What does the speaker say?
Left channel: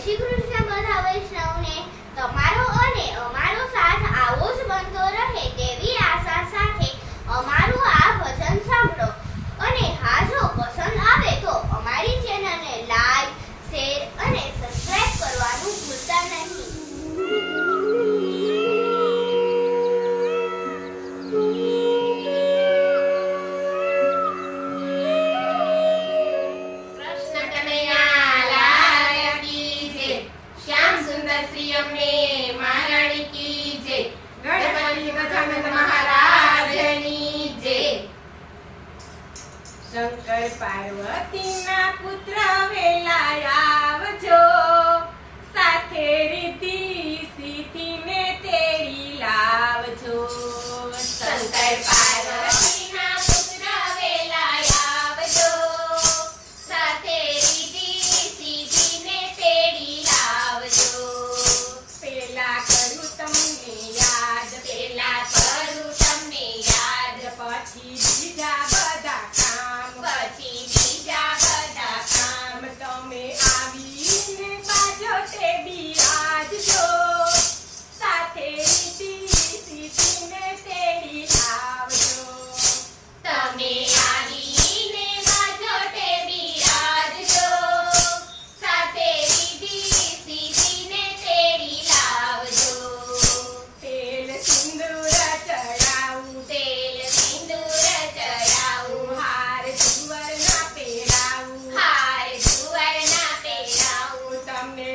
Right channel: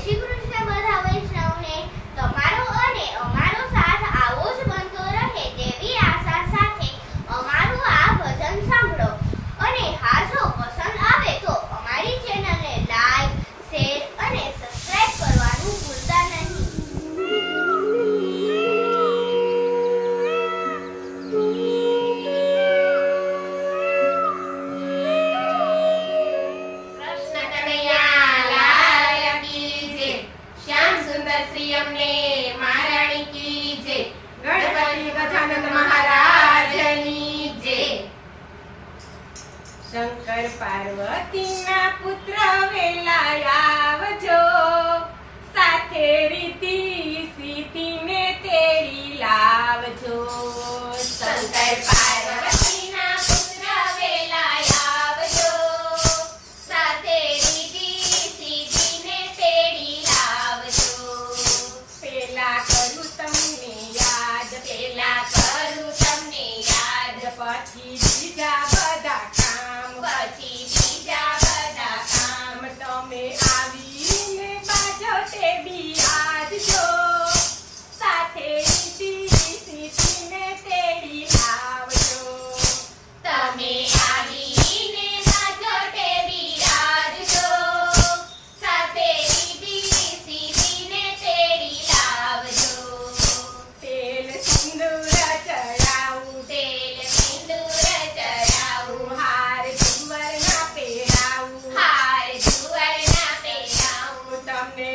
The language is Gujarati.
શ્રી કૃષ્ણ બધા વૈષ્ણવને તમારો અને અમારો સાથ આવો જ બનતો રહે તેવી આશા સાથે અમારું આ ભજન સાંભળો. અને હા, જો પસંદ આવે તો અમારી ચેનલને લાઈક, શેર અને સબસ્ક્રાઇબ કરવાનું ભૂલતા નહીં. શ્રી અમને મહારાણી કી જય, ગણપતિ ગજાનંદ મહારાજની જય. શંકર પાર્વતીના પુત્ર વેલા આવજો, સાથે રીતિ સીધીને તેડી લાવજો. શંકર પાર્વતીના પુત્ર વેલા આવજો, સાથે રીતિ સીધીને તેડી લાવજો. પેલા કરું તમને યાદ, પછી બીજા બધા કામ, તમે આવીને બાજો તે બિરાજજો, સાથે સીધીને તેડી આવજો. તમે આવીને બાજો તે બિરાજજો, સાથે સીધીને તેડી લાવજો. તેલ સિંદૂર ચડાવું, હાર જુવરના પહેરાવું, તમને